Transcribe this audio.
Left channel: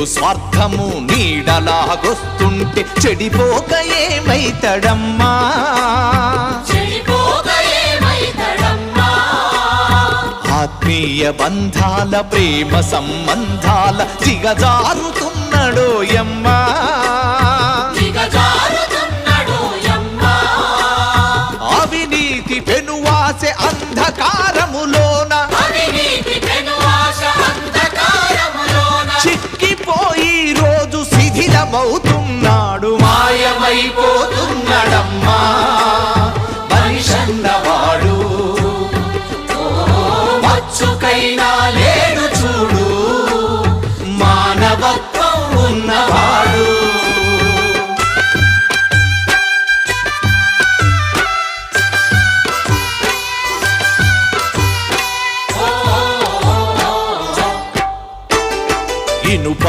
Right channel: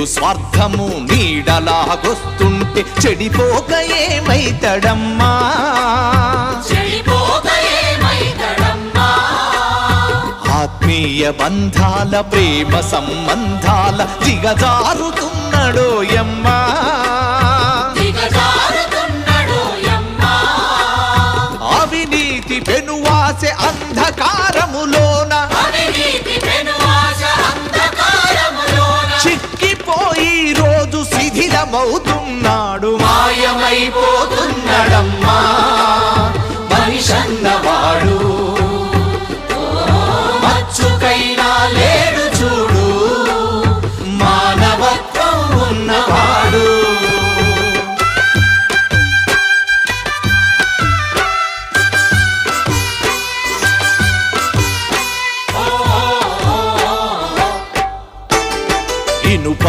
చెడు స్వార్థము నీడలాగొస్తుంటే చెడిపోక ఏమైతడమ్మా? ఆత్మీయ బంధాల ప్రేమ సంబంధాల దిగజారుతున్నడోయమ్మా. అవినీతి పెనువాసె అంధకారములోన చిక్కిపోయి రోజు శిథిలమవుతున్నాడు, మాయమైపోతున్నాడమ్మా మనిషన్నవాడు. మచ్చుకైనా లేడు చూడు మానవత్వం ఉన్నవాడు. ఇనుప